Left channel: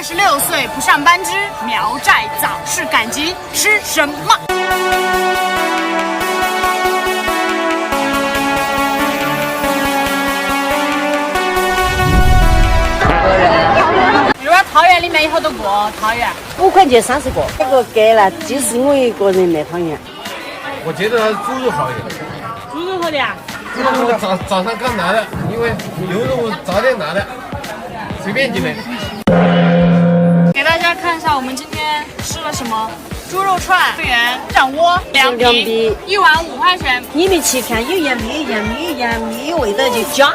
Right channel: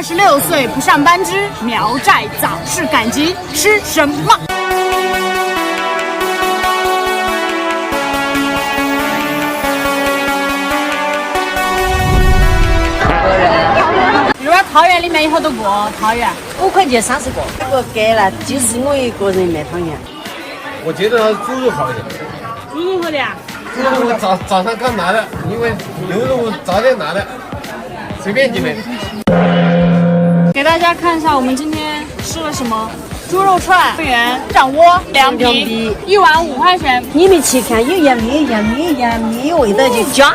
26岁不上班之苗寨早市赶集吃什么？比如说桃园里面有好多个桃园，5块钱30个，这个给了，就是我一个人卖汤圆。我觉得猪肉好一点。猪肉好点啊？猪肉我早上刚拿的，因为牛肉我早点拿的，随便进来。给大家看一下我们今天吃了什么：猪肉串、汤圆、掌窝、凉皮，1碗5块钱。里面去看有杨梅味道就加。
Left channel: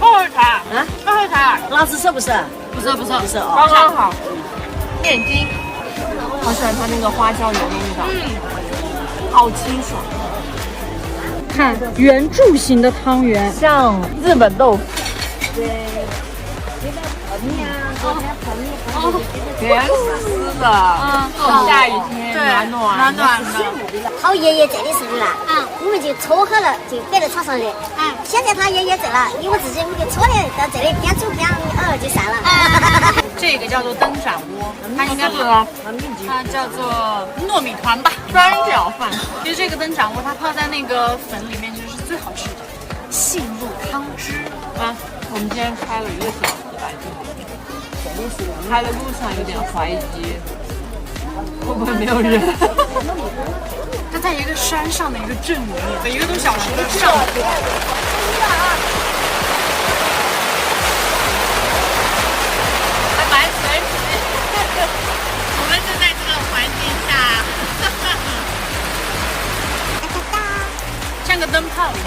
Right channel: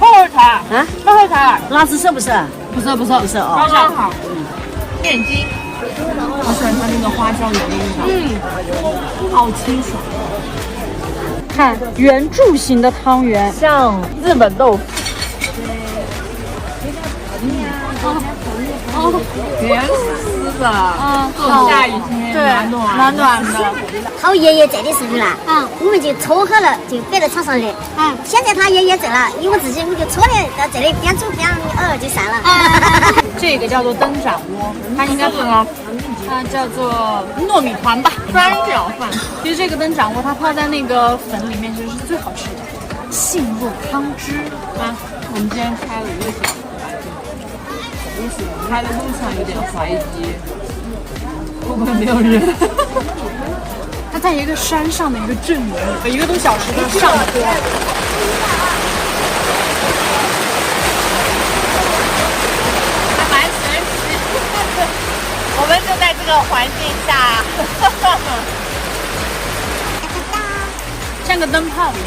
泡泡茶，泡泡茶，那是不是？不是，好像好。面筋，好喜欢它那个花椒油的味道，好清爽。看圆柱形的汤圆，像日本豆腐。圆丝的，下雨天对，暖暖的。他爷爷在的时候呢，我们就撮合了，就摆到场上去。现在他爷爷在了，因为自己我就撮的在这里边走边就散了。这个叫做灯盏窝，它应该泡，它叫做糯米团吧，酸角饭。其实这个灯盏窝它泡在那个粉里面，就是最好吃的。杏露汤汁啊，我们今天开了1个小时吧，开的路上有点怀疑，后面没有人。它在一个山上的一个镇里，1个多小时的上坡。还蛮神奇，我们就在这个环境下，像个灯泡一样。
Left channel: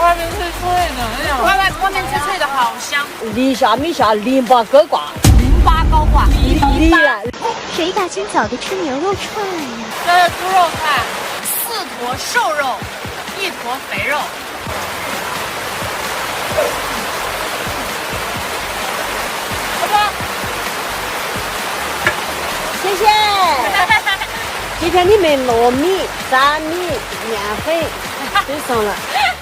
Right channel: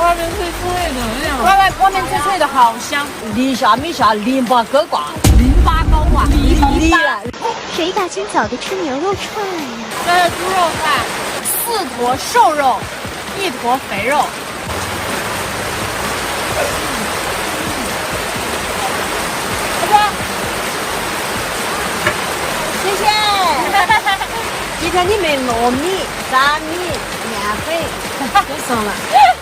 外面脆脆的那样，外面脆脆的，好香。地下淋巴高挂，篱笆。谁大清早的吃牛肉串呀？这是猪肉串，4坨瘦肉，1坨肥肉。好不？谢谢。你看里面糯米、杂米、面粉都上了，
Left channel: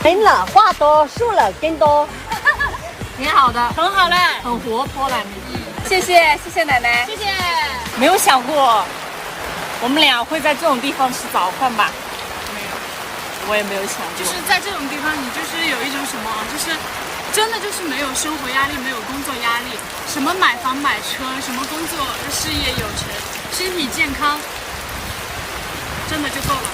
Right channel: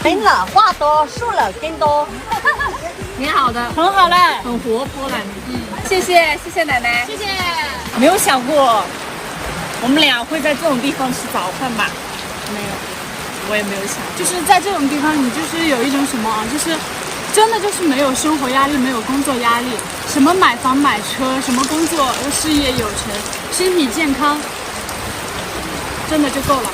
分了，花多数了更多。挺好的，很好嘞，很活泼了。谢谢奶奶，谢谢。没有想过我们俩会在这种地方吃早饭吧？没有，我也没有想过。就是在这种地方，你就是有一种什么啊，就是真的就是没有生活压力，没有工作压力，什么买房买车，什么工作事业有成，身体健康，真的就够了。